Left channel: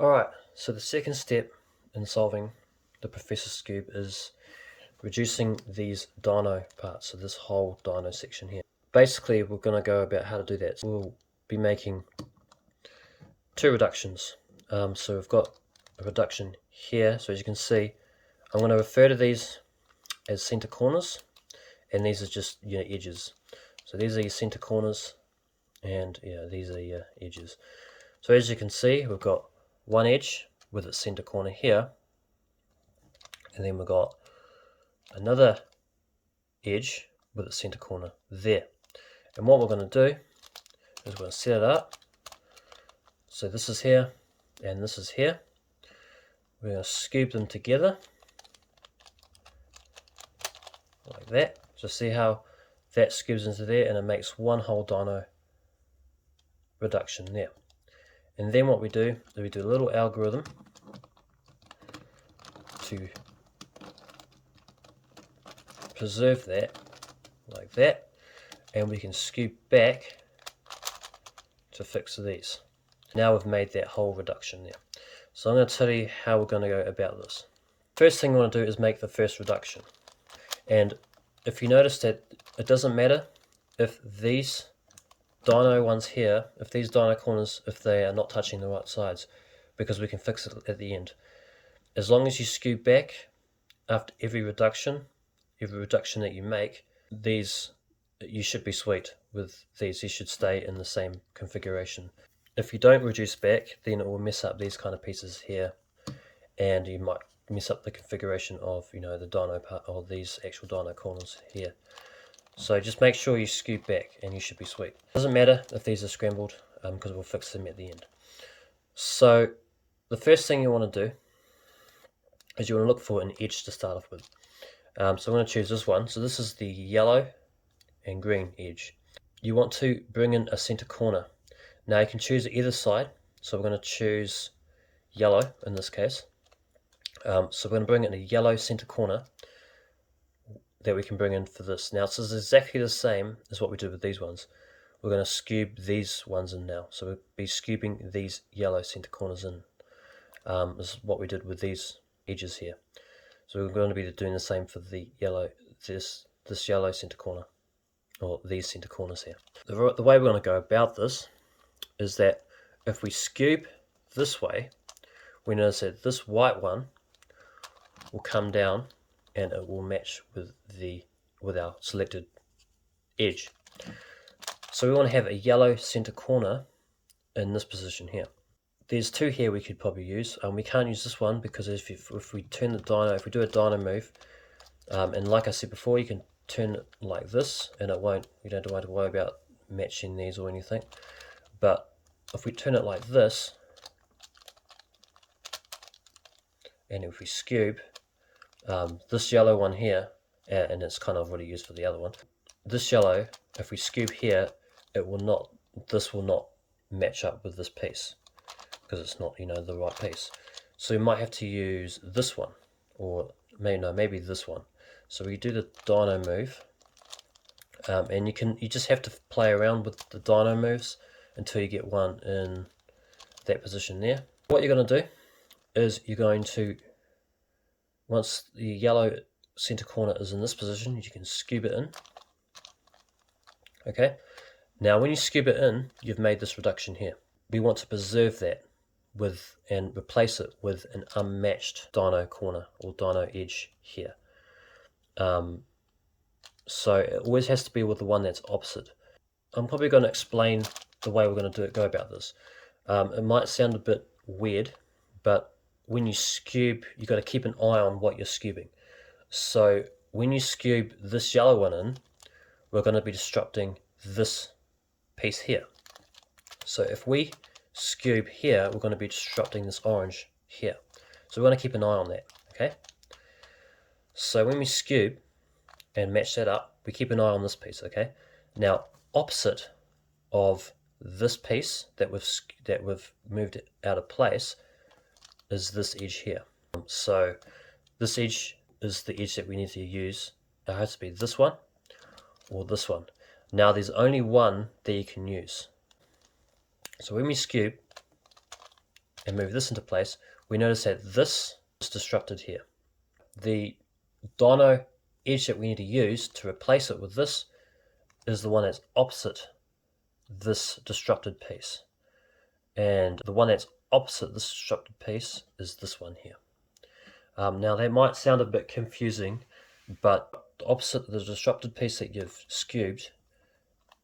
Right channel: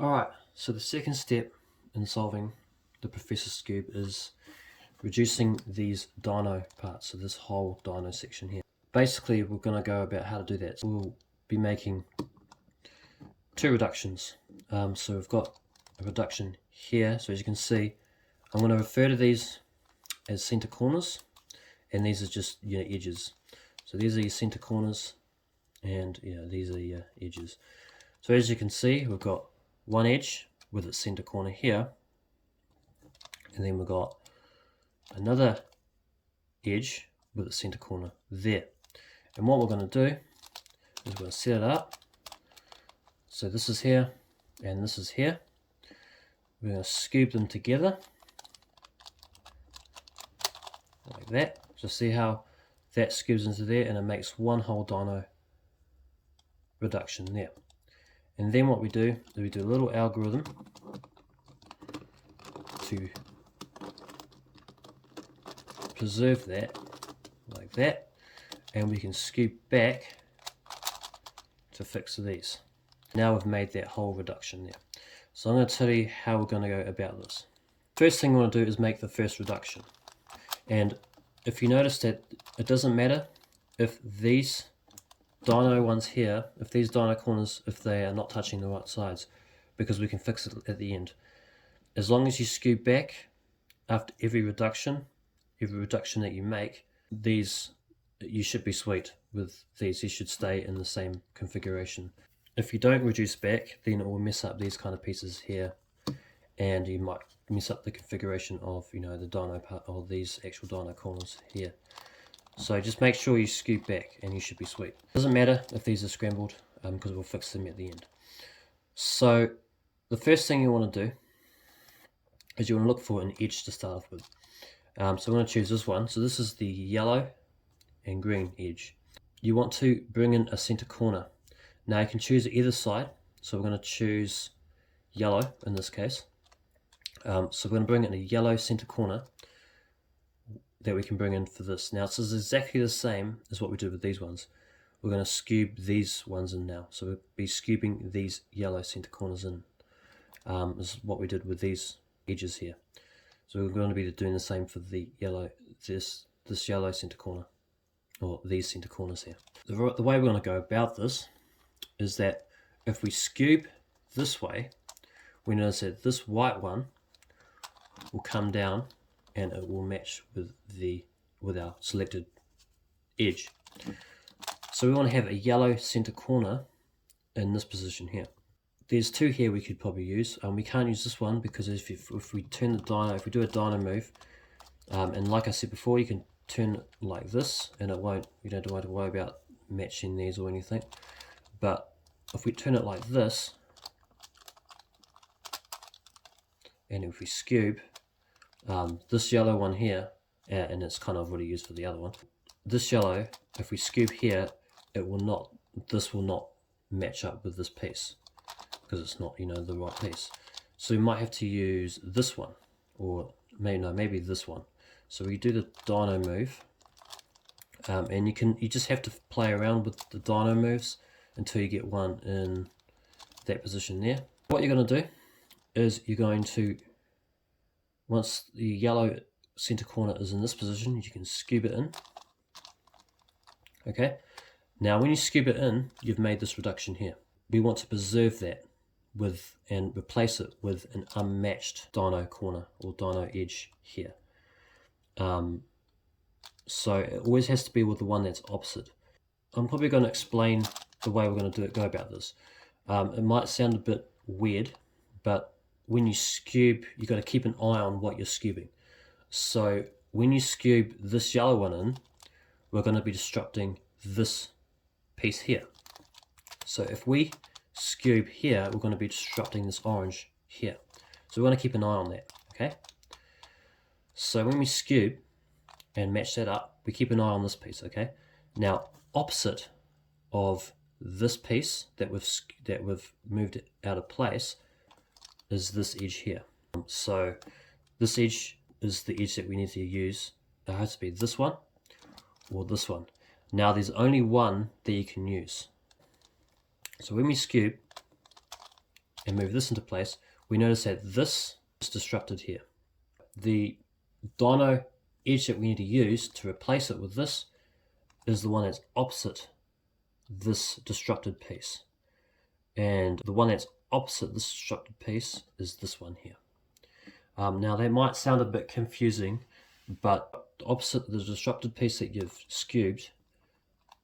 Alright, so the second step in solving the Professor Skewb is reducing these dino parts, so this whole dino section here. Basically, we're going to go about how to do that. So we'll be making two reductions. So we've got a reduction here, so as you can see, I'm going to refer to these as center corners, and these are just edges. So these are your center corners, and these are your edges. So as you can see, we've got one edge with its center corner here, and then we've got another edge with its center corner there. And what we're going to do is we're going to set it up. So this is here and this is here. We're going to skewb them together like that. So see how that skewbs into there, and it makes one whole dino reduction there. And then what we do is we do a little algorithm to preserve that like that, and we can skewb back to fix these. Now we've made that whole reduction there. So I'm going to tell you how we're going to go about this. First thing we want to do is make the first reduction. And if you notice that it doesn't matter if these dino ones here, if these dino corners, if they are not touching the right sides, because we can fix it at the end. As long as you skewb back after every reduction that you make, these, you should be sweet with these. You should stay in the same configuration. If you don't reduce back, then it will mess up these kind of pieces here, and you might mess up the configuration of the dino part, or these actual dino corners here. So just make sure you skewb back and you should be sweet. Doesn't matter if these are scrambled, because we'll fix them at the end. So the first thing you want to do is you want to look for an edge to start off with. So I'm going to choose this one. So this is the yellow and green edge. You want to bring in a center corner. Now you can choose either side. So we're going to choose yellow in this case. So we're going to bring in a yellow center corner that we can bring in for this. Now this is exactly the same as what we did with these ones. We're going to skewb these ones in now. So we'll be skewbing these yellow center corners in. This is what we did with these edges here. So we're going to be doing the same for the yellow, this yellow center corner, or these center corners here. The way we're going to go about this is that if we skewb this way, we notice that this white one will come down and it will match with our selected edge. So we want to have a yellow center corner in this position here. There's two here we could probably use. We can't use this one because if we turn the dino, if we do a dino move, and like I said before, you can turn it like this and it won't, you don't have to worry about matching these or anything. But if we turn it like this, and if we skewb this yellow one here, and it's kind of already used for the other one, this yellow, if we skewb here, this will not match up with this piece because it's not the right piece. So we might have to use this one, or maybe this one. So we do the dino move, and you just have to play around with the dino moves until you get one in that position there. What you're going to do is you're going to, once the yellow center corner is in this position, you can skewb it in. Okay, now when you skewb it in, you've made this reduction here. We want to preserve that and replace it with an unmatched dino corner or dino edge here. So it always has to be with the one that's opposite. I'm probably going to explain the way we're going to go about this. It might sound a bit weird, but when you skewb, you've got to keep an eye on what you're skewbing. So when you skewb this yellow one in, we're going to be disrupting this piece here. So if we skewb here, we're going to be disrupting this orange here. So we're going to keep an eye on that, okay? So when we skewb and match that up, we keep an eye on this piece, okay? Now, opposite of this piece that we've moved out of place is this edge here. So this edge is the edge that we need to use. It has to be this one or this one. Now there's only one that you can use. So when we skewb and move this into place, we notice that this is disrupted here. The dyno edge that we need to use to replace it with this is the one that's opposite this disrupted piece. And the one that's opposite this disrupted piece is this one here. Now that might sound a bit confusing, but opposite the disrupted piece that you've skewed,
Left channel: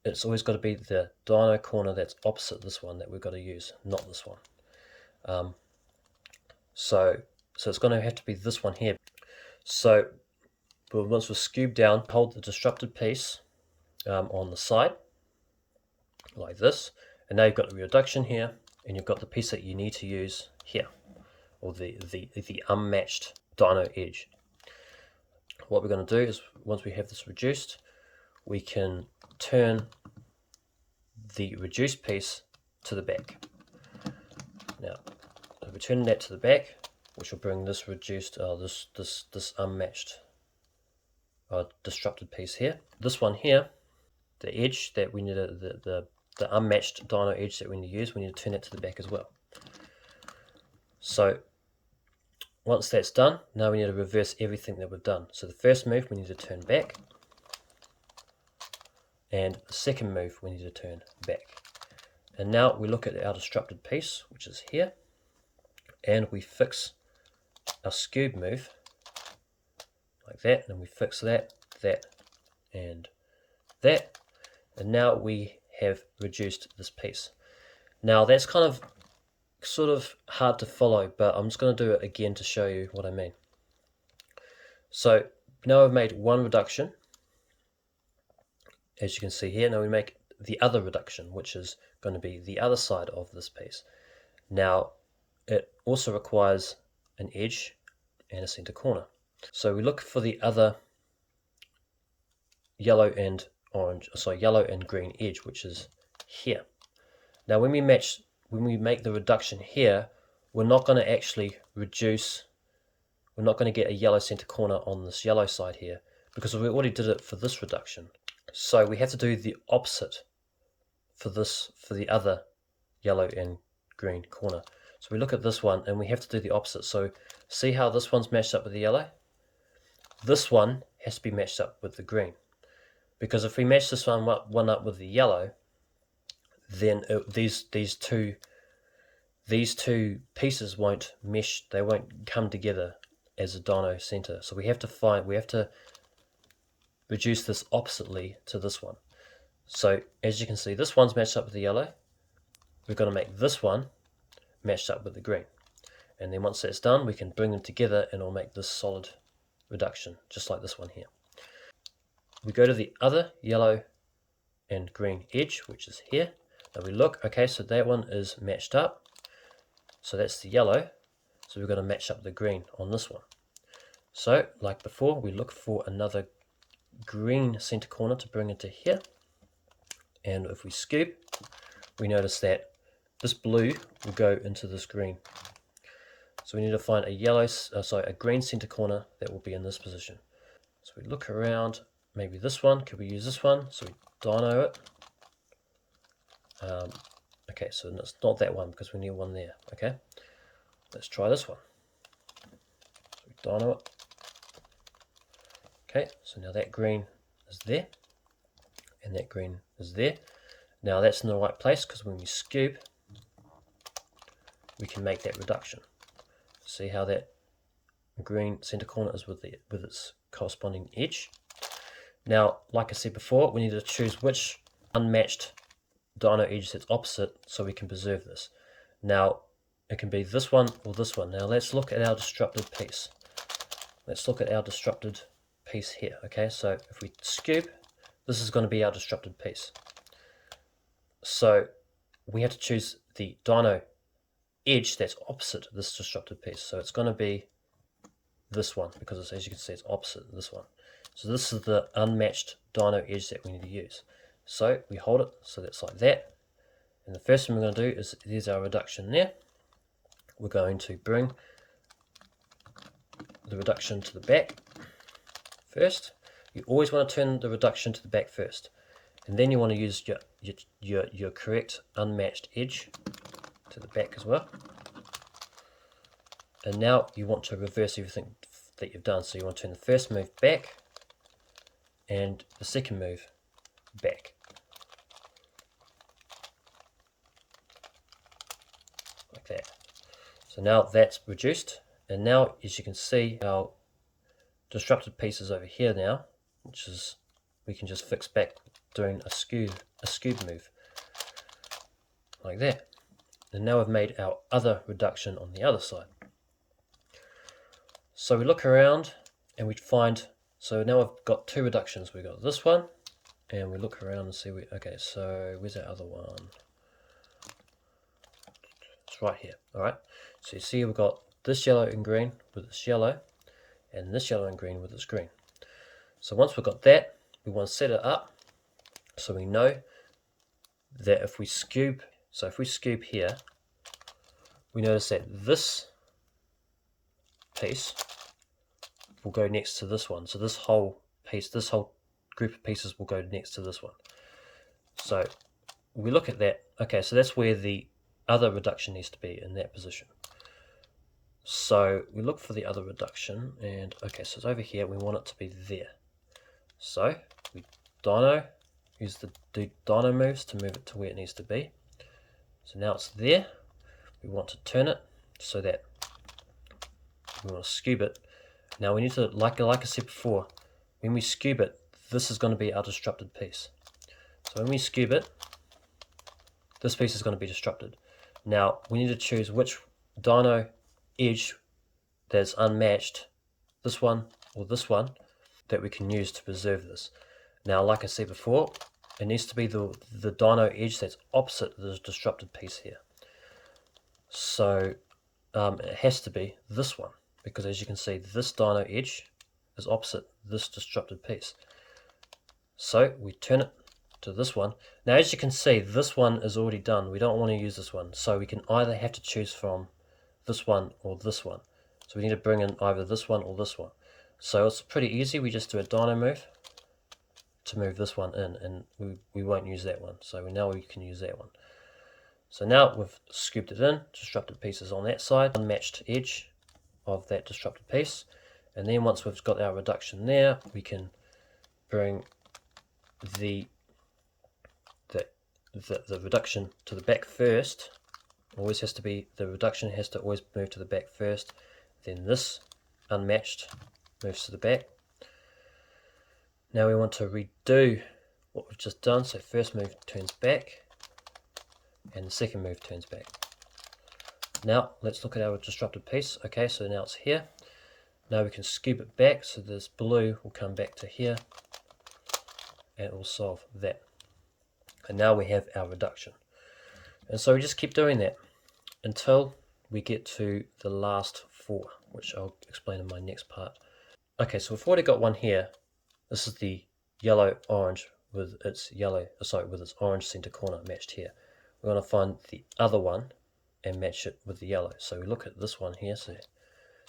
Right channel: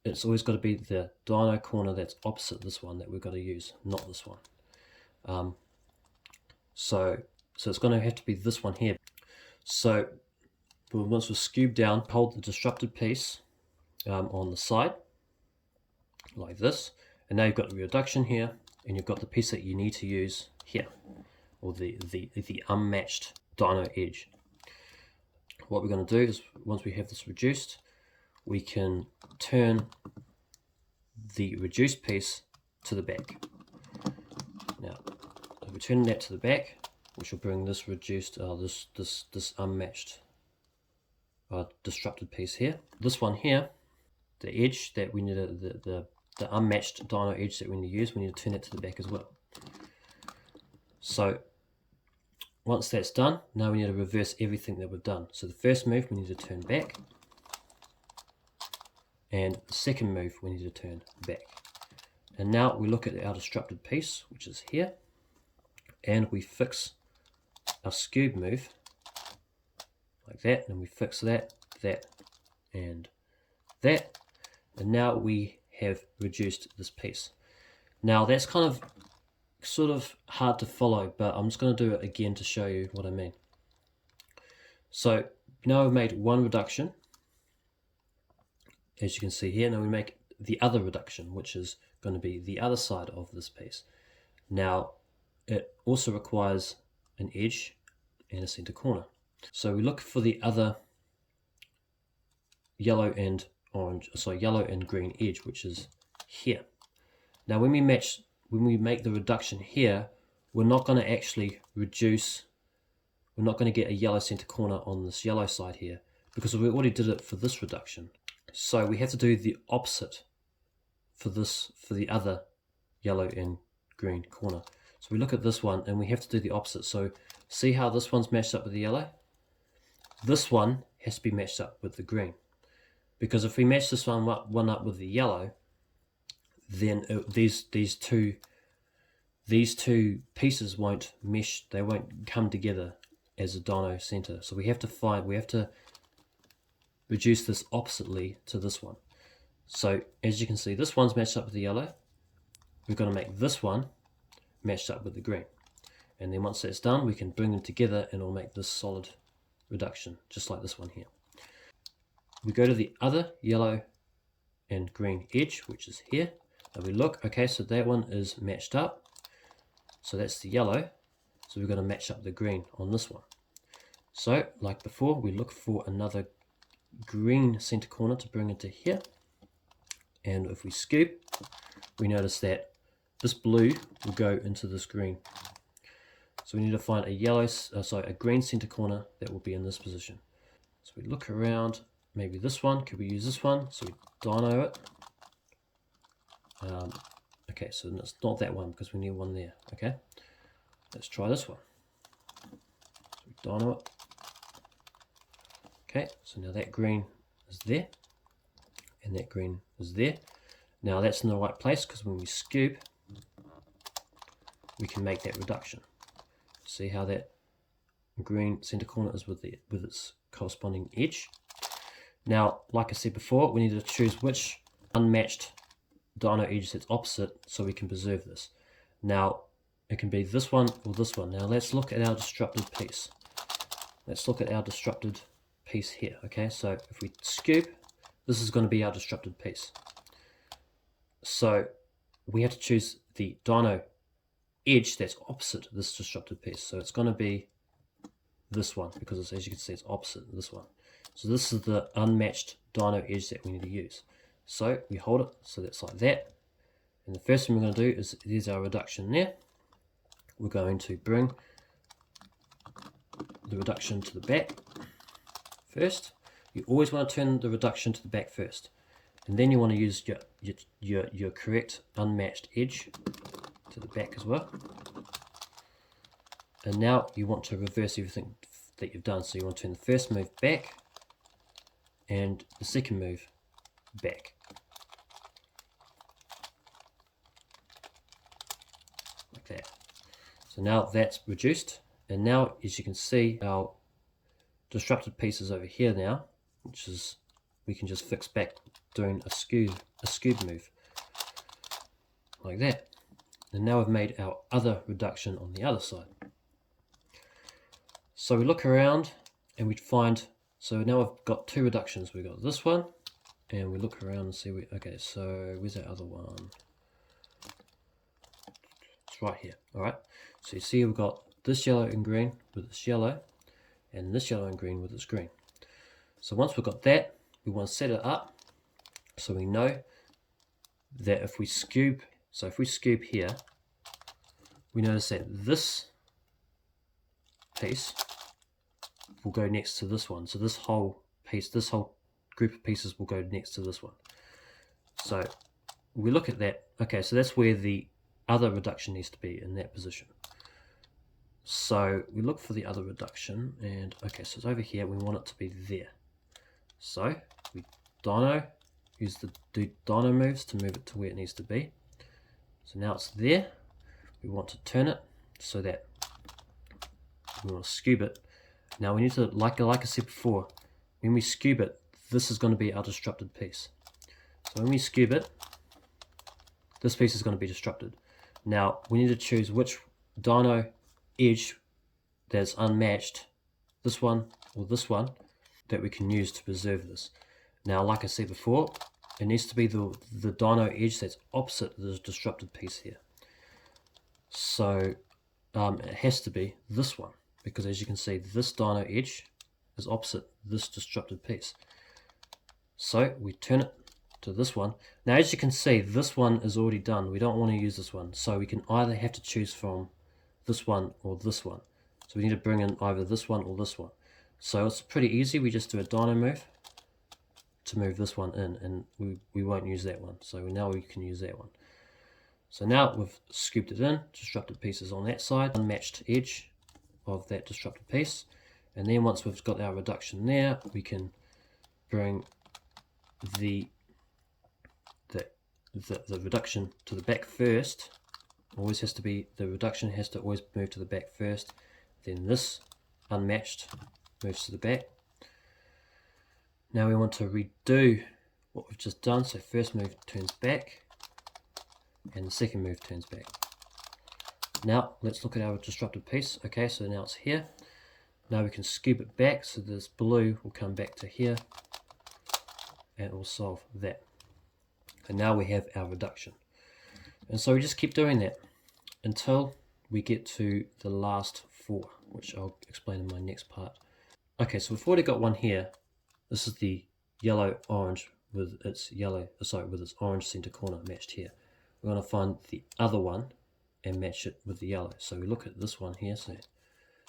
it's always got to be the dyno corner that's opposite this one that we've got to use, not this one. So it's going to have to be this one here. So once we're skewed down, hold the disrupted piece on the side like this, and now you've got the reduction here, and you've got the piece that you need to use here, or the unmatched dyno edge. What we're going to do is, once we have this reduced, we can turn the reduced piece to the back. Now, if we turn that to the back, which will bring this reduced, this unmatched disrupted piece here. This one here, the edge that we need, the unmatched dyno edge that we need to use, we need to turn it to the back as well. So once that's done, now we need to reverse everything that we've done. So the first move we need to turn back, and the second move we need to turn back. And now we look at our disrupted piece, which is here, and we fix our skewb move like that, and we fix that, and that, and now we have reduced this piece. Now that's kind of sort of hard to follow, but I'm just going to do it again to show you what I mean. So now we've made one reduction, as you can see here. Now we make the other reduction, which is going to be the other side of this piece. Now it also requires an edge and a center corner. So we look for the other yellow and green edge, which is here. Now when we make the reduction here, we're not going to actually reduce, we're not going to get a yellow center corner on this yellow side here, because we already did it for this reduction. So we have to do the opposite for the other yellow and green corner. So we look at this one and we have to do the opposite. So see how this one's matched up with the yellow? This one has to be matched up with the green. Because if we match this one up with the yellow, then these two pieces won't mesh, they won't come together as a dyno center. So we have to reduce this oppositely to this one. So as you can see, this one's matched up with the yellow. We're going to make this one matched up with the green. And then once that's done, we can bring them together and it'll make this solid reduction, just like this one here. We go to the other yellow and green edge, which is here. And we look, okay, so that one is matched up. So that's the yellow. So we're going to match up the green on this one. So like before, we look for another green center corner to bring into here. And if we skewb, we notice that this blue will go into this green. So we need to find a green center corner that will be in this position. So we look around, maybe this one, could we use this one? So we dyno it. Okay, so it's not that one because we need one there. Okay, let's try this one. So we dyno it. Okay, so now that green is there, and that green is there. Now that's in the right place because when we skewb, we can make that reduction. See how that green center corner is with its corresponding edge. Now, like I said before, we need to choose which unmatched dyno edge that's opposite so we can preserve this. Now, it can be this one or this one. Now, let's look at our disrupted piece. Let's look at our disrupted piece here. Okay, so if we skewb, this is going to be our disrupted piece. So we have to choose the dyno edge that's opposite this disrupted piece. So it's going to be this one because it's, as you can see, it's opposite this one. So this is the unmatched dyno edge that we need to use. So we hold it, so that's like that. And the first thing we're going to do is, there's our reduction there. We're going to bring the reduction to the back first. You always want to turn the reduction to the back first. And then you want to use your correct unmatched edge to the back as well. And now you want to reverse everything that you've done. So you want to turn the first move back and the second move back. Like that. So now that's reduced. And now, as you can see, our disrupted piece is over here now, which is, we can just fix back doing a skewb move. Like that. And now we've made our other reduction on the other side. So we look around and we find, so now I've got two reductions. We've got this one, and we look around and see, okay, so where's that other one? It's right here, all right? So you see we've got this yellow and green with this yellow, and this yellow and green with this green. So once we've got that, we want to set it up so we know that if we skewb, so if we skewb here, we notice that this piece will go next to this one. So this whole piece, this whole group of pieces will go next to this one. So we look at that. Okay, so that's where the other reduction needs to be, in that position. So we look for the other reduction, and okay, so it's over here. We want it to be there. So we use the dyno moves to move it to where it needs to be. So now it's there. We want to turn it so that we want to skewb it. Now we need to, like I said before, when we skewb it, this is going to be our disrupted piece. So when we skewb it, this piece is going to be disrupted. Now we need to choose which dyno edge that's unmatched, this one or this one, that we can use to preserve this. Now, like I said before, it needs to be the dyno edge that's opposite the disrupted piece here. So it has to be this one, because as you can see, this dyno edge is opposite this disrupted piece. So we turn it to this one. Now, as you can see, this one is already done. We don't want to use this one, so we can either have to choose from this one or this one. So we need to bring in either this one or this one. So it's pretty easy. We just do a dyno move to move this one in, and we won't use that one. So now we can use that one. So now we've scooped it in, disrupted pieces on that side, unmatched edge of that disrupted piece. And then once we've got our reduction there, we can bring the reduction to the back first. Always has to be, the reduction has to always move to the back first. Then this unmatched moves to the back. Now we want to redo what we've just done. So first move turns back, and the second move turns back. Now let's look at our disrupted piece. Okay, so now it's here. Now we can skewb it back, so this blue will come back to here, and it will solve that. And now we have our reduction. And so we just keep doing that until we get to the last four, which I'll explain in my next part. Okay, so we've already got one here. This is the yellow orange with its with its orange center corner matched here. We're going to find the other one and match it with the yellow. So we look at this one here.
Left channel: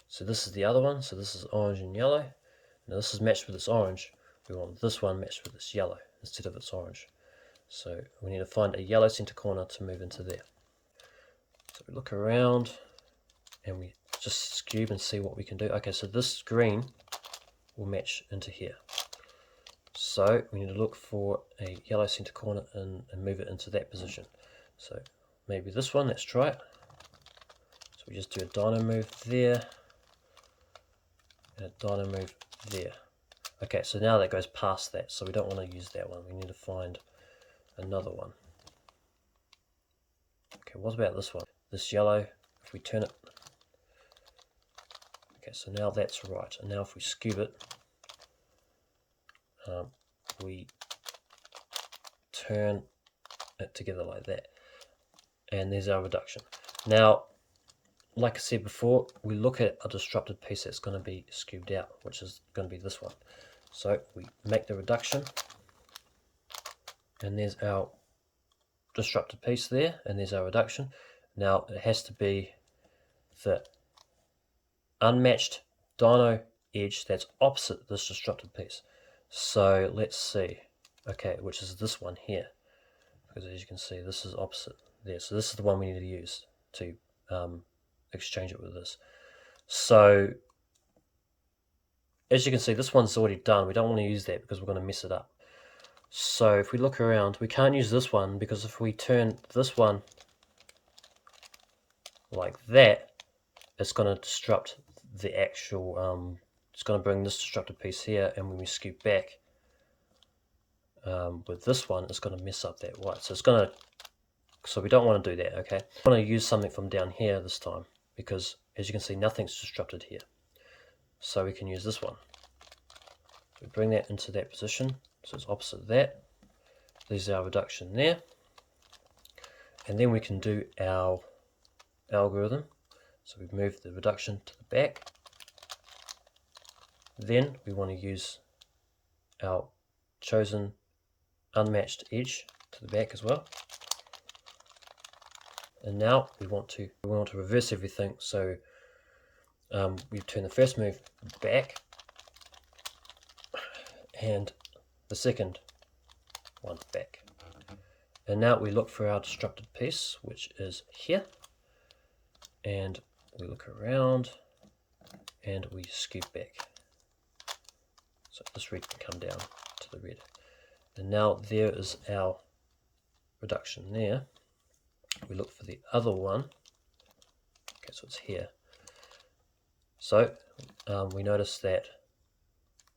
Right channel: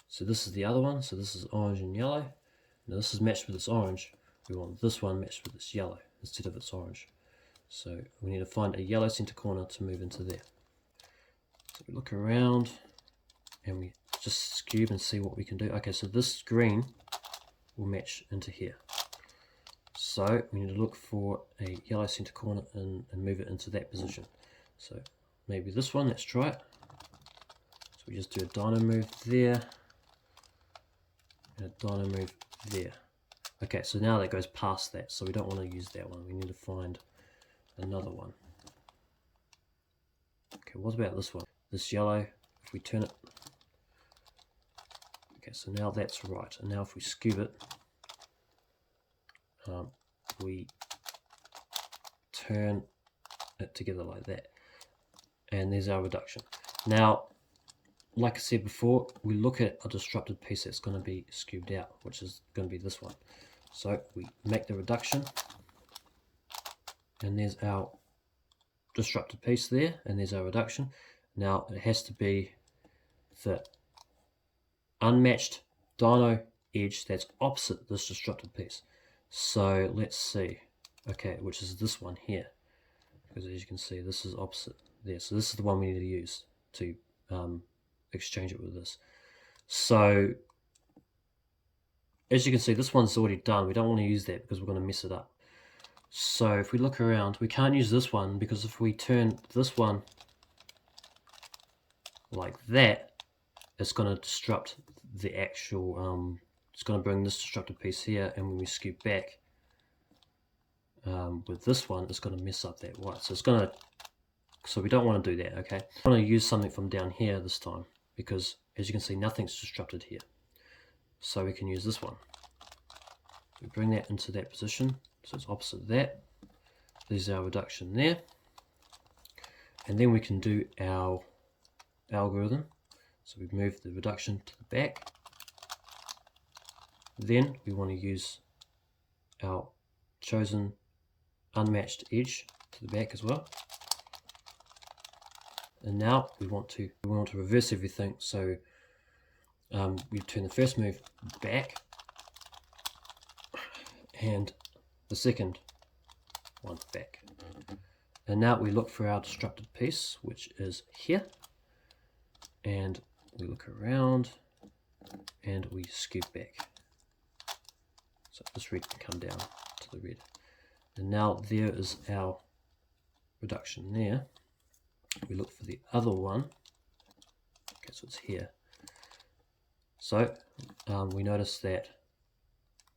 So this is the other one. So this is orange and yellow. Now this is matched with its orange. We want this one matched with its yellow instead of its orange. So we need to find a yellow center corner to move into there. So we look around and we just skewb and see what we can do. Okay, so this green will match into here. So we need to look for a yellow center corner and move it into that position. So maybe this one, let's try it. So we just do a dyno move there and a dyno move there. Okay, so now that goes past that, so we don't want to use that one. We need to find another one. Okay, what about this one? This yellow, if we turn it. Okay, so now that's right. And now if we skewb it, we turn it together like that. And there's our reduction. Now, like I said before, we look at a disrupted piece that's going to be skewbed out, which is going to be this one. So we make the reduction, and there's our disrupted piece there, and there's our reduction. Now it has to be the unmatched dyno edge that's opposite this disrupted piece. So let's see, okay, which is this one here, because as you can see, this is opposite there. So this is the one we need to use to exchange it with this. So as you can see, this one's already done. We don't want to use that because we're going to mess it up. So if we look around, we can't use this one because if we turn this one like that, it's going to disrupt the actual, it's going to bring this disrupted piece here, and when we scoop back with this one, it's going to mess up that white. So it's going to, so we don't want to do that, okay? I want to use something from down here this time because as you can see, nothing's disrupted here. So we can use this one. We bring that into that position, so it's opposite that. There's our reduction there. And then we can do our algorithm. So we move the reduction to the back. Then we want to use our chosen unmatched edge to the back as well. And now we want to reverse everything. So we turn the first move back and the second one back. And now we look for our disrupted piece, which is here. And we look around and we scoop back. So this red can come down to the red. And now there is our reduction there. We look for the other one. Okay, so it's here. So we notice that.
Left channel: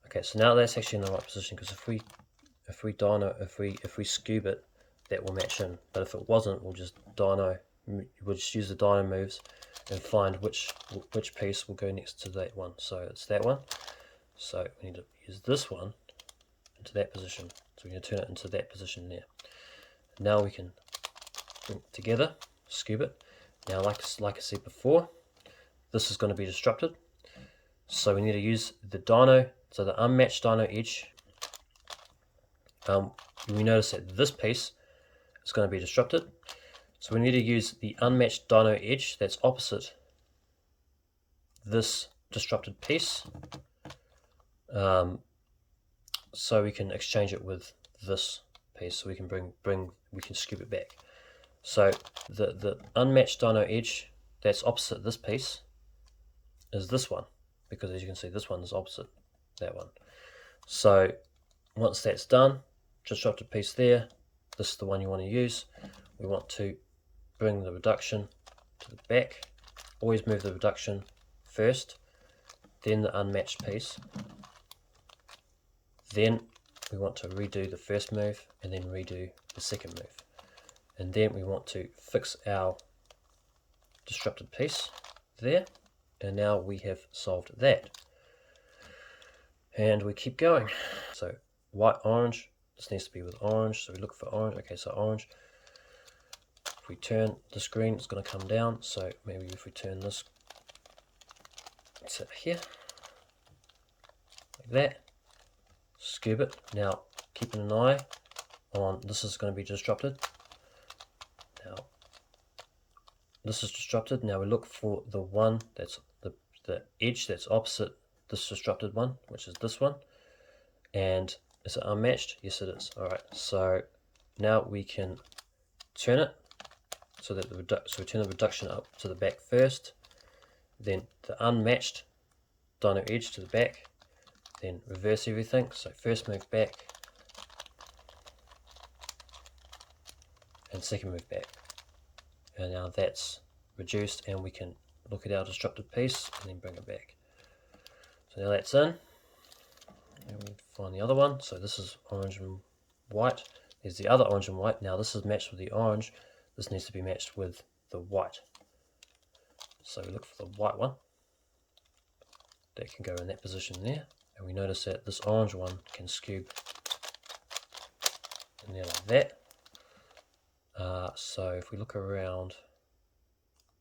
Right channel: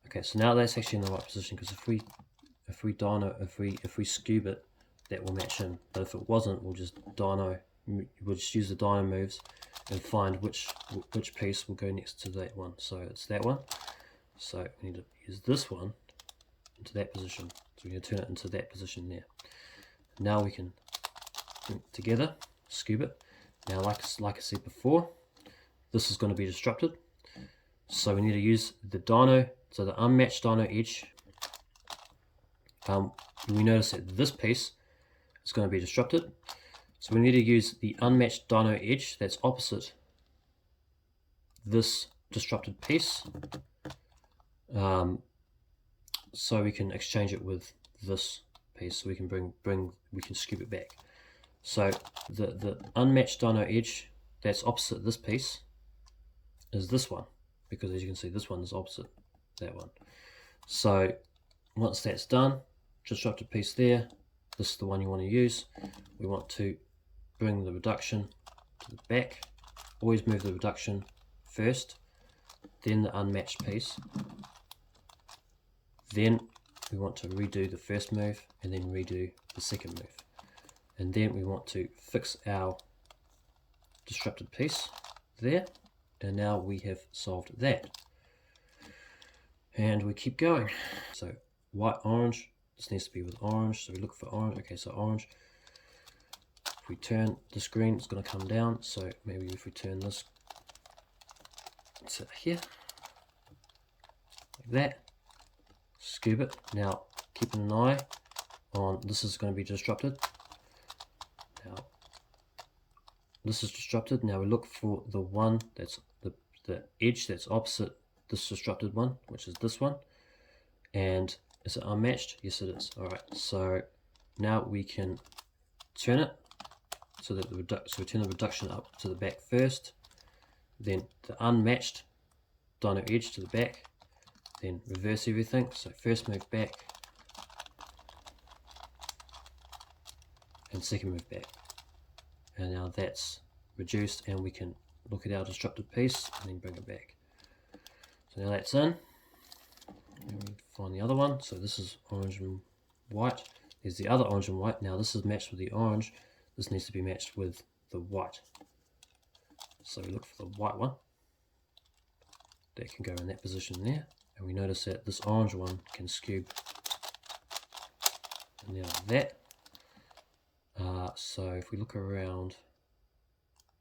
Okay, so now that's actually in the right position because if we Skewb it, that will match in. But if it wasn't, we'll just use the dyno moves and find which piece will go next to that one. So it's that one. So we need to use this one into that position. So we're going to turn it into that position there. Now we can bring it together, Skewb it. Now, like I said before, this is going to be disrupted. So we need to use the dyno, so the unmatched dyno edge. We notice that this piece is going to be disrupted. So we need to use the unmatched dyno edge that's opposite this disrupted piece. So we can exchange it with this piece, so we can we can Skewb it back. So the unmatched dyno edge that's opposite this piece is this one, because as you can see, this one is opposite that one. So once that's done, disrupted piece there, this is the one you want to use. We want to bring the reduction to the back. Always move the reduction first, then the unmatched piece. Then we want to redo the first move and then redo the second move. And then we want to fix our disrupted piece there. And now we have solved that. And we keep going. So white, orange, this needs to be with orange. So we look for orange. Okay, so orange. If we turn the screen, it's going to come down. So maybe if we turn this to here, like that, Skewb it. Now keeping an eye on this is going to be disrupted. Now this is disrupted. Now we look for the one that's the edge that's opposite this disrupted one, which is this one. And is it unmatched? Yes, it is. All right. So now we can turn it so that we turn the reduction up to the back first, then the unmatched dyno edge to the back, then reverse everything. So first move back and second move back. And now that's reduced, and we can look at our disrupted piece and then bring it back. So now that's in. And we find the other one. So this is orange and white. There's the other orange and white. Now this is matched with the orange. This needs to be matched with the white. So we look for the white one. That can go in that position there. And we notice that this orange one can Skewb in there like that. So if we look around,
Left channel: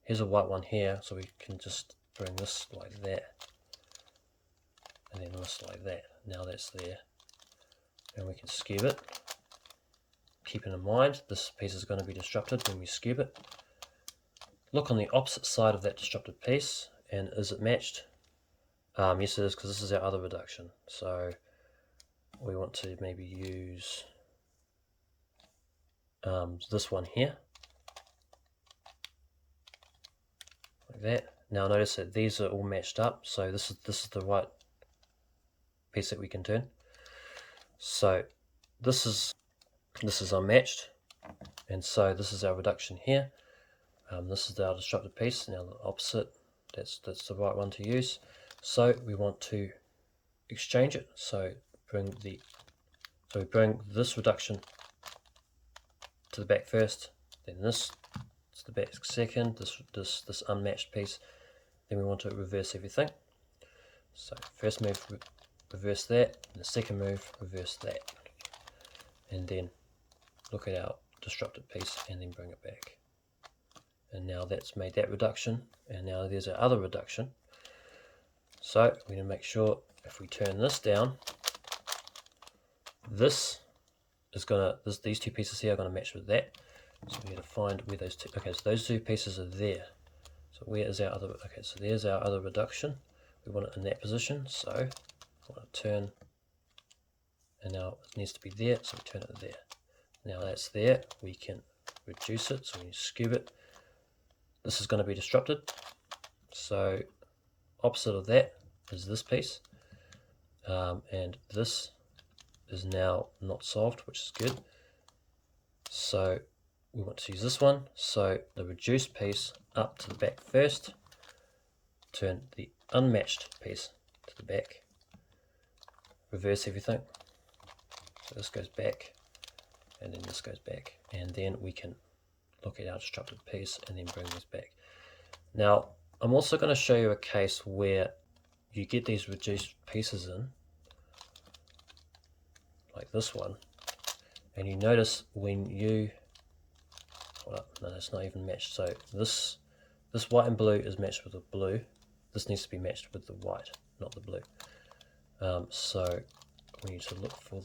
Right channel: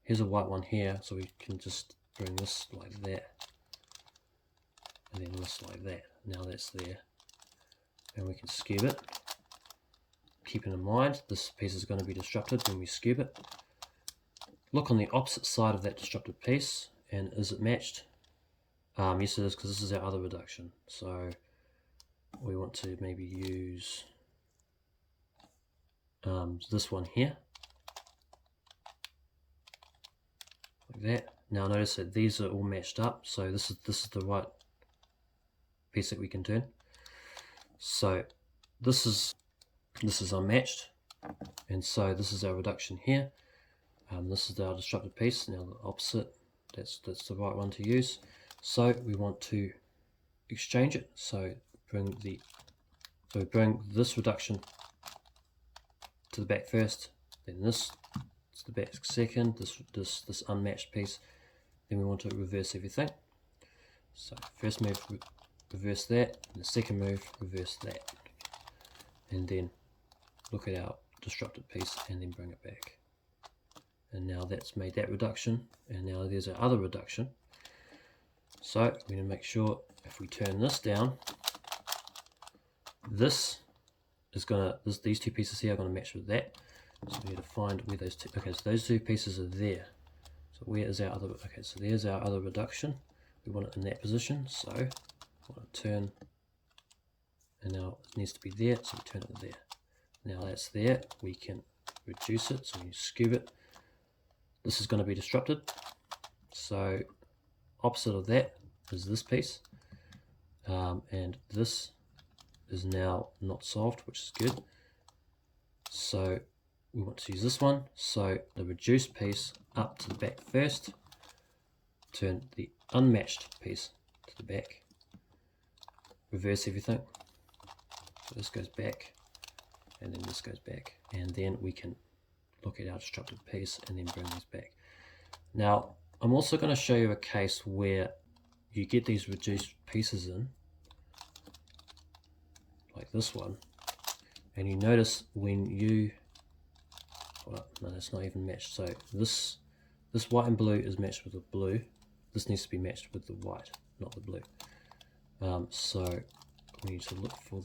here's a white one here, so we can just bring this like that, and then this like that. Now that's there, and we can Skewb it. Keeping in mind, this piece is going to be disrupted when we Skewb it. Look on the opposite side of that disrupted piece, and is it matched? Yes it is, because this is our other reduction. So we want to maybe use this one here, like that. Now notice that these are all matched up, so this is the right piece that we can turn. So this is unmatched, and so this is our reduction here. This is our disrupted piece. Now the opposite, that's the right one to use. So we want to exchange it. So we bring this reduction to the back first, then this to the back second, this unmatched piece. Then we want to reverse everything. So first move, reverse that, and the second move, reverse that, and then look at our disrupted piece and then bring it back. And now that's made that reduction, and now there's our other reduction. So we're going to make sure if we turn this down, these two pieces here are going to match with that. So we have to find where those two, okay, so those two pieces are there. So where is our other, okay, so there's our other reduction. We want it in that position, so I want to turn, and now it needs to be there, so we turn it there. Now that's there, we can reduce it, so we skewb it. This is going to be disrupted, so opposite of that is this piece, and this is now not solved, which is good. So we want to use this one, so the reduced piece up to the back first, turn the unmatched piece to the back, reverse everything, so this goes back, and then this goes back, and then we can look at our disrupted piece and then bring these back. Now I'm also going to show you a case where you get these reduced pieces in, like this one, and you notice when you, well, no, that's not even matched. So this white and blue is matched with the blue. This needs to be matched with the white, not the blue. So we need to look for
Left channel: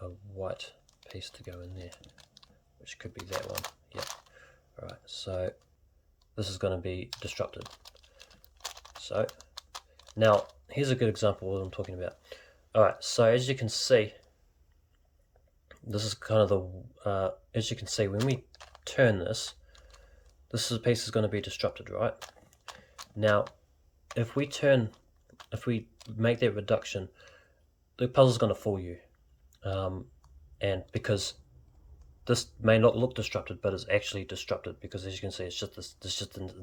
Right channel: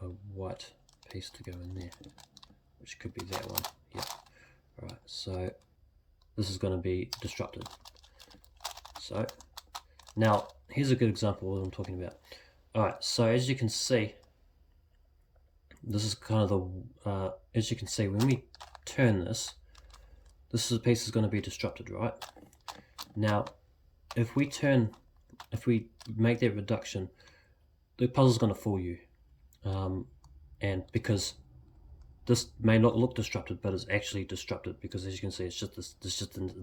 a white piece to go in there, which could be that one. Yeah. All right. So this is going to be disrupted. So now here's a good example of what I'm talking about. All right. So as you can see, this is kind of the as you can see, when we turn this piece is going to be disrupted, right? Now if we make that reduction, the puzzle's going to fool you, and because this may not look disrupted, but it's actually disrupted, because as you can see, it's just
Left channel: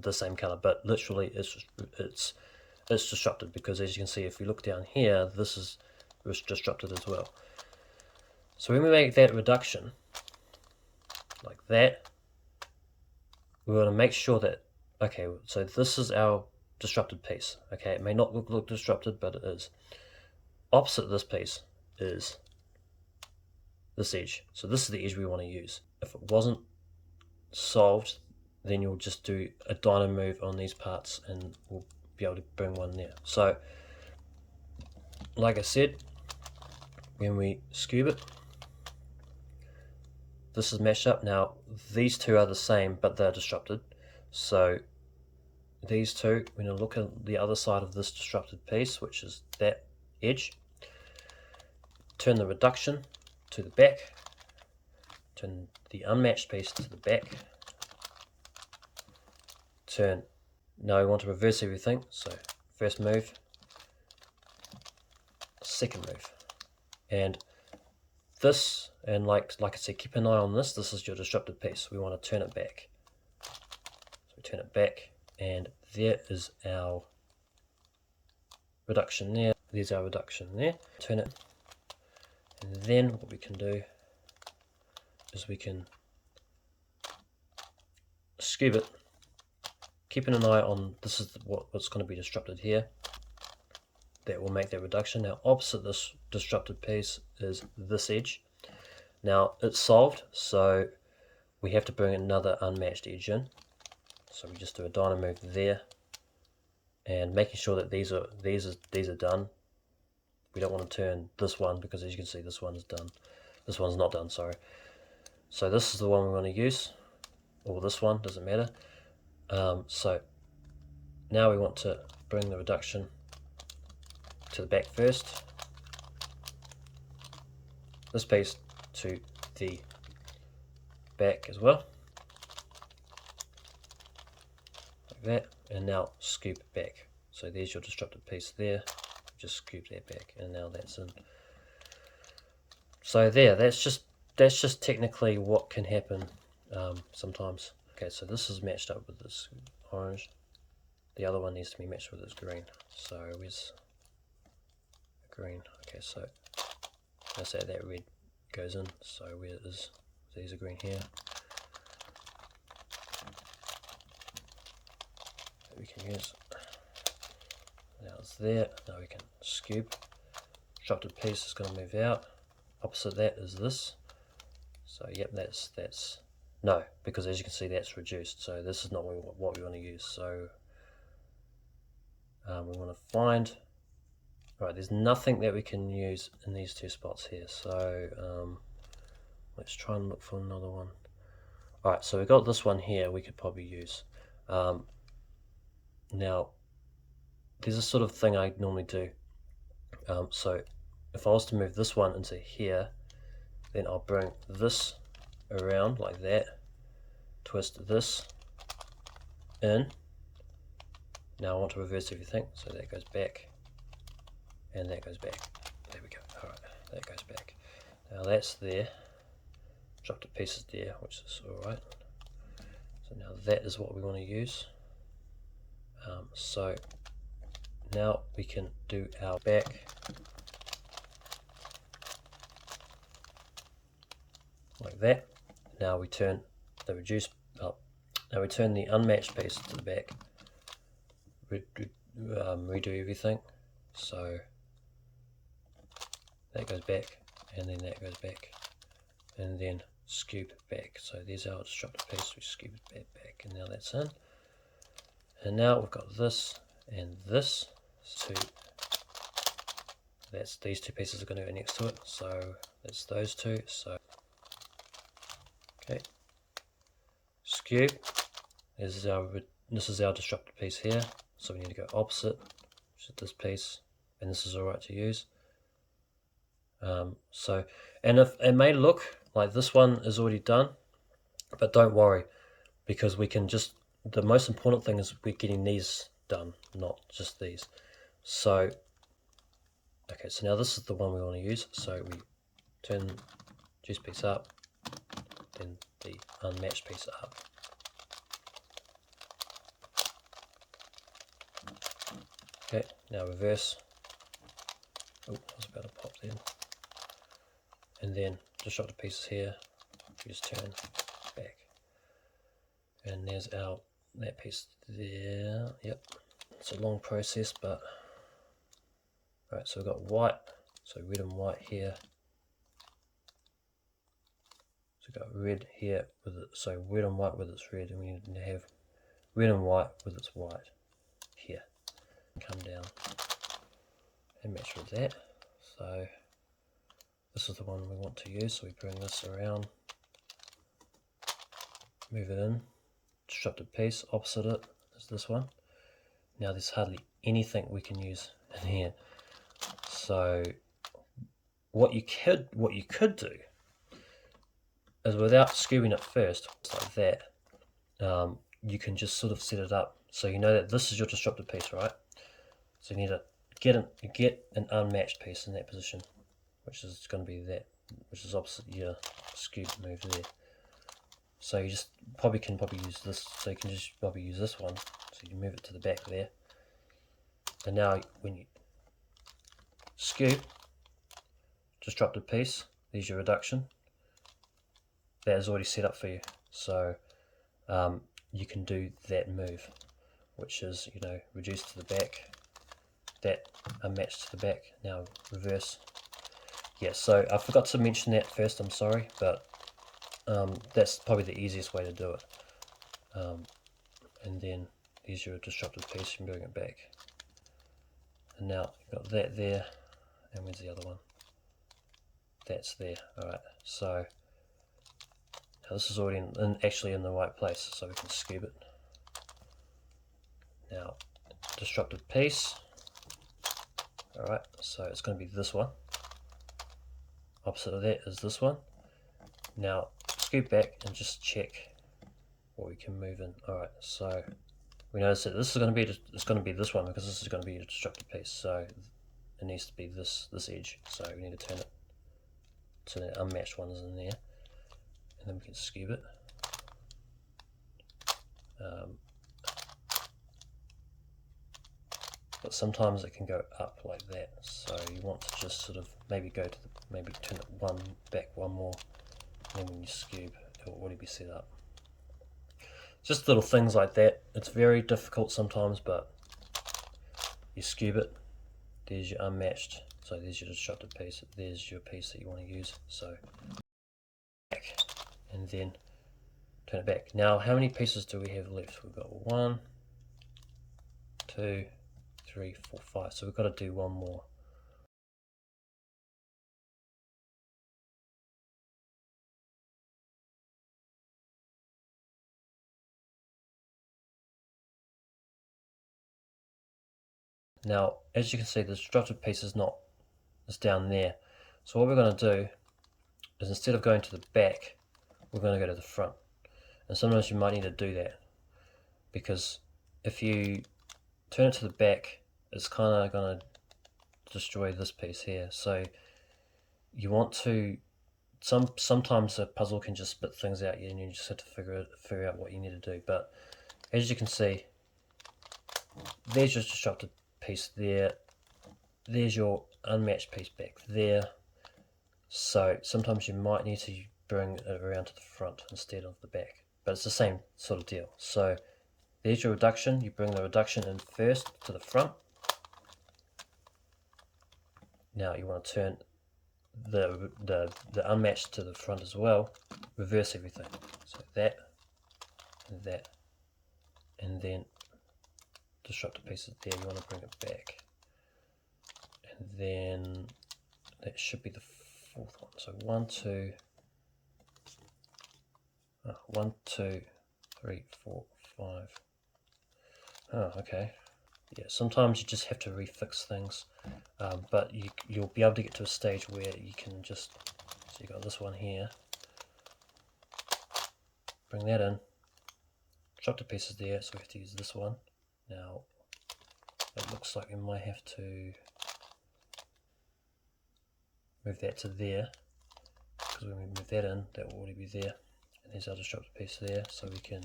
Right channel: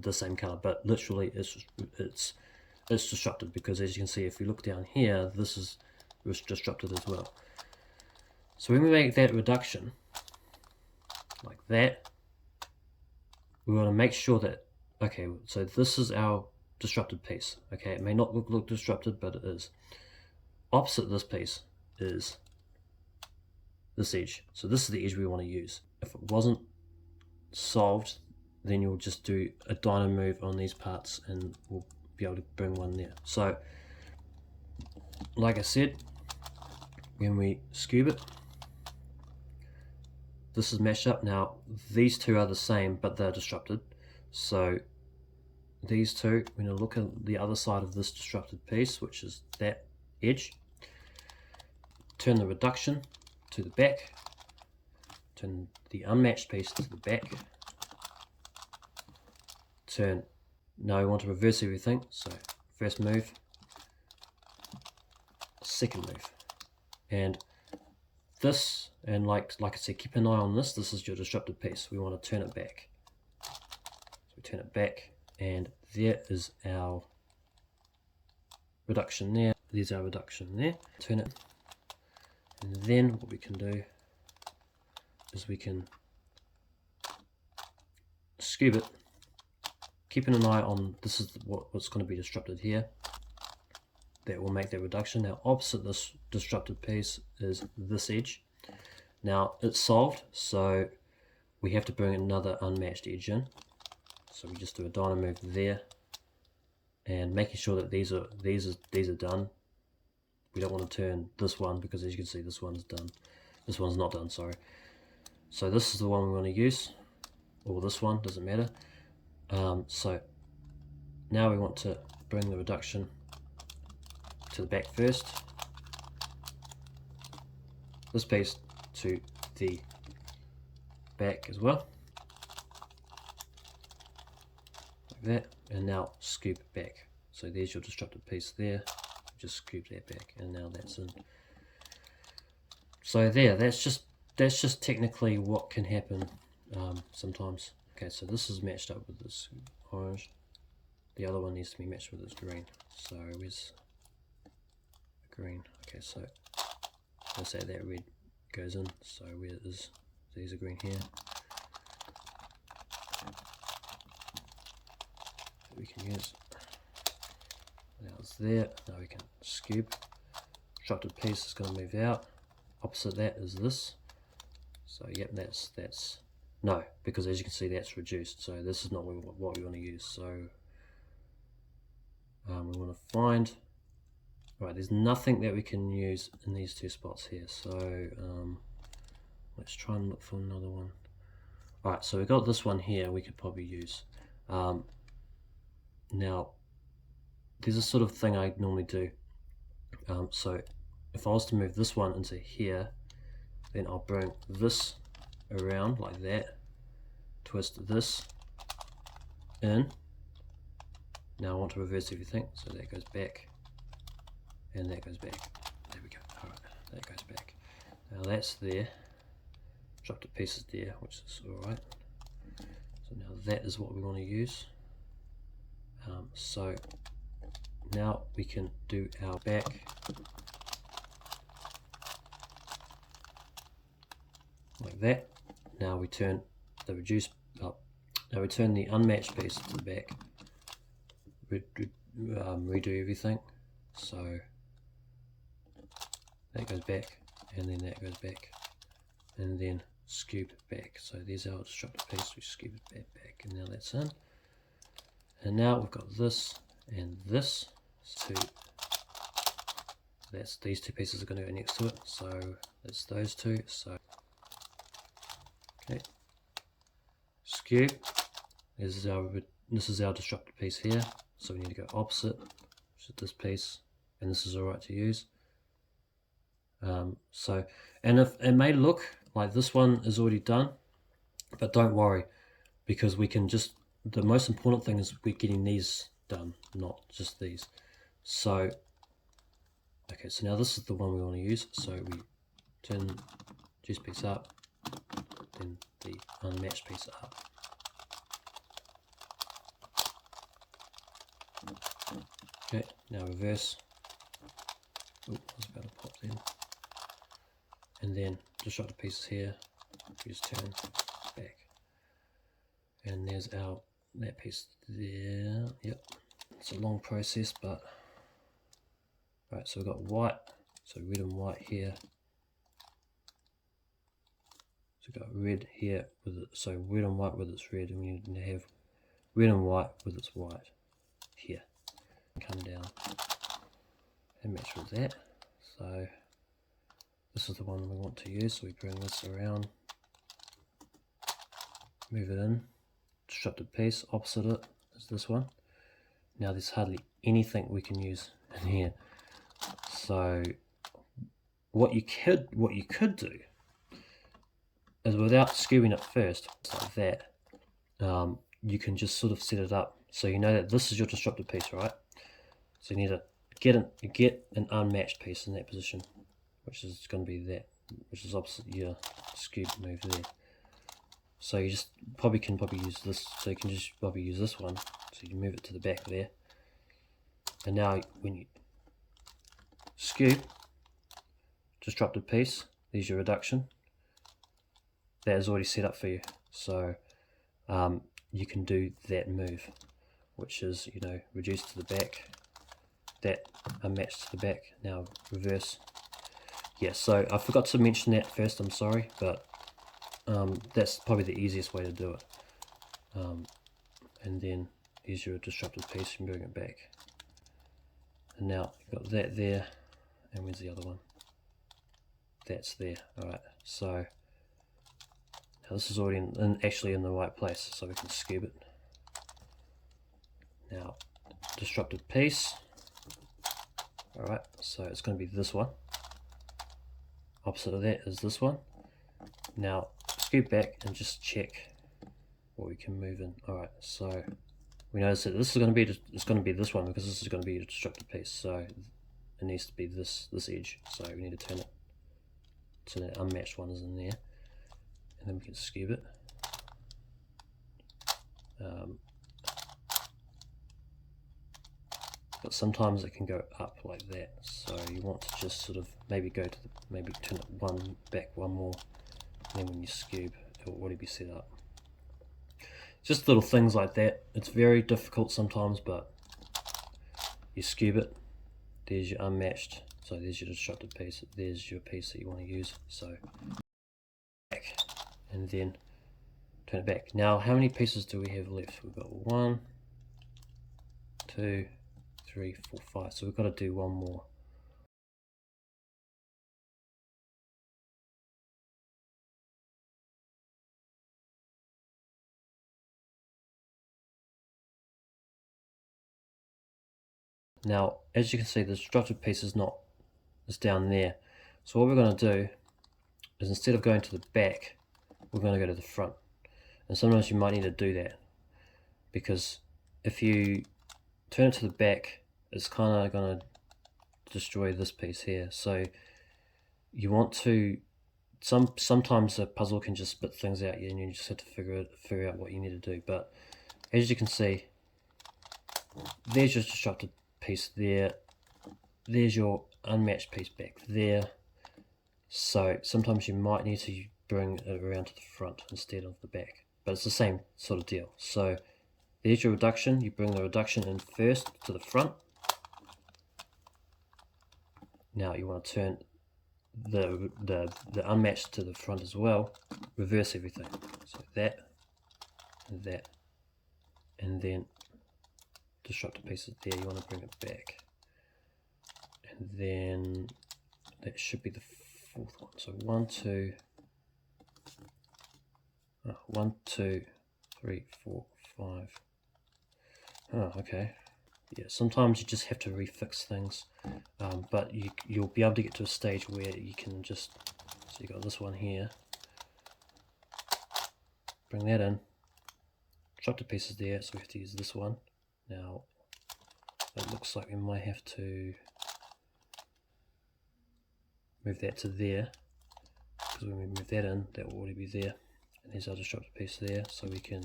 the same color, but literally it's disrupted, because as you can see, if you look down here, this is disrupted as well. So when we make that reduction like that, we want to make sure that, okay, so this is our disrupted piece. Okay, it may not look disrupted, but it is. Opposite this piece is this edge. So this is the edge we want to use. If it wasn't solved, then you'll just do a dyno move on these parts and we'll be able to bring one there. So like I said, when we skewb it, this is matched up. Now these two are the same, but they're disrupted. So these two, we're going to look at the other side of this disrupted piece, which is that edge. Turn the reduction to the back, turn the unmatched piece to the back, now we want to reverse everything, so first move, second move, and this, and like I said, keep an eye on this is your disrupted piece. We want to turn it back, so we turn it back, and there is our reduction there, there's our reduction there, turn it. And then what we can do is we can skewb it, keeping an eye on this is what's going to be disrupted here. That will make that reduction. Now opposite this disrupted piece is this edge. Now it's solved, so we have to bring another unmatched edge in. So we just do a dyno move there, and making sure that these are done. We don't want to turn this one, because as you can see, this one's done. This one's not done, sorry. So this is the one we want to use, or this one, doesn't matter. So now we want to bring the reduction to the back first. This piece to the back as well. Like that. and now Skewb back. So there's your disrupted piece there, just Skewb that back, and now that's in. So there, that's just technically what can happen sometimes. Okay, so this is matched up with this orange. The other one needs to be matched with this green. So where's the green? Okay, so let's say that red goes in. So where is these are green here? That we can use. Now it's there. Now we can Skewb. Disrupted piece is going to move out. Opposite that is this. So yep, that's no, because as you can see that's reduced. So this is not what we want to use. So we want to find. Right, there's nothing that we can use in these two spots here. So let's try and look for another one. Alright, so we got this one here we could probably use. Now, there's a sort of thing I normally do. So if I was to move this one into here, then I'll bring this around like that, twist this in. Now I want to reverse everything, so that goes back, and that goes back. There we go. Alright, that goes back. Now that's there. Drop the pieces there, which is alright. So now that is what we want to use. So now we can do our back. Like that. Now we turn the now we turn the unmatched piece to the back. Redo everything. So that goes back, and then that goes back, and then Skewb back. So there's our disrupted piece. We Skewb it back, and now that's in. And now we've got this and this. So that's these two pieces are going to go next to it. So that's those two. So okay, Skewb is this is our disrupted piece here. So we need to go opposite, which is this piece, and this is alright to use. So, and if it may look like this one is already done, but don't worry, because we can just, the most important thing is we're getting these done, not just these. So, okay, so now this is the one we want to use. So we turn the juice piece up, then the unmatched piece up. Okay, now reverse. Oh, I was about to pop then. And then just drop the pieces here. We just turn back. And there's that piece there. Yep. It's a long process, but right, so we've got white, so red and white here. So we've got red here with it, so red and white with its red, and we need to have red and white with its white here. Come down and match with that. So this is the one we want to use, so we bring this around, move it in, disrupted piece, opposite it is this one. Now there's hardly anything we can use in here. So what you could do is, without skewing it first, like that, you can just sort of set it up so you know that this is your disrupted piece, right? So you need to get an unmatched piece in that position, which is going to be that, which is opposite your Skewb move there. So you just can use this. So you can just probably use this one. So you move it to the back there. And now when you Skewb, disrupted piece, there's your reduction. That is already set up for you. So you can do that move, which is, you know, reduce to the back, that unmatched to the back. Now reverse. Yeah, so I forgot to mention that first, I'm sorry, but that's probably the easiest way to do it. And then here's your disrupted piece, and bring it back. And now you've got that there, and where's the other one? That's there. Alright, so now this is already actually in the right place, so we can Skewb it. Now, disrupted piece. Alright, so it's going to be this one. Opposite of that is this one. Now Skewb back and just check what we can move in. Alright, so we notice that this is going to be, it's going to be this one because this is going to be a disrupted piece, so it needs to be this edge, so we need to turn it so that unmatched one is in there, and then we can skewb it. But sometimes it can go up like that, so you want to just sort of maybe go to the, maybe turn it one back one more, and then when you skewb it will already be set up. Just little things like that. It's very difficult sometimes, but you skewb it, there's your unmatched, so there's your disrupted piece, there's your piece that you want to use, so back, and then turn it back. Now how many pieces do we have left? We've got 1, 2, 3, 4, 5, so we've got to do one more. Now as you can see, the disrupted piece is down there, so what we're going to do is instead of going to the back, we're going to go to the front. And sometimes you might need to do that, because if you turn it to the back, it's kind of going to destroy this piece here. So you want to, sometimes a puzzle can just spit things out, and you just have to figure out what you need to do. But as you can see, there's your disrupted piece there, there's your unmatched piece back there. So sometimes you might need to bring it around to the front instead of the back, but it's the same sort of deal. So there's your reduction, you bring the reduction in first to the front. Now you want to turn the unmatched to the front as well, reverse everything, so that and that, and then disrupted pieces there, you want to bring it back, and then that should be the fourth one. So 1, 2, 3, 4, 5. Oh, okay. Yeah, sometimes you just have to refix things, but you'll be able to get to a stage where you can just, so you got this one here, bring that in, drop the pieces there, so we have to use this one. Now it looks like we might have to move that to there, because when we move that in, that will already be there, and there's our disrupted piece there, so we can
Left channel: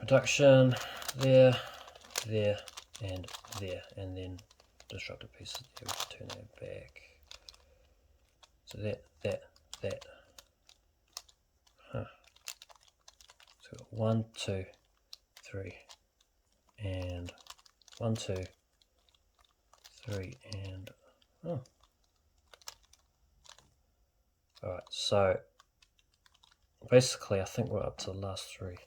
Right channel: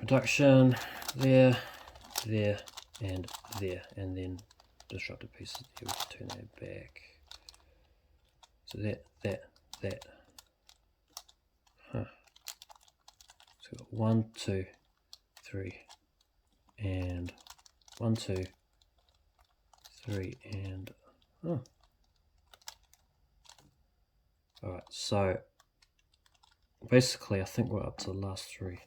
reduction there, there, and there, and then disrupted pieces there. We can turn that back. So that. So 1, 2, 3, and 1, 2, 3, and oh. Alright, so basically I think we're up to the last 3.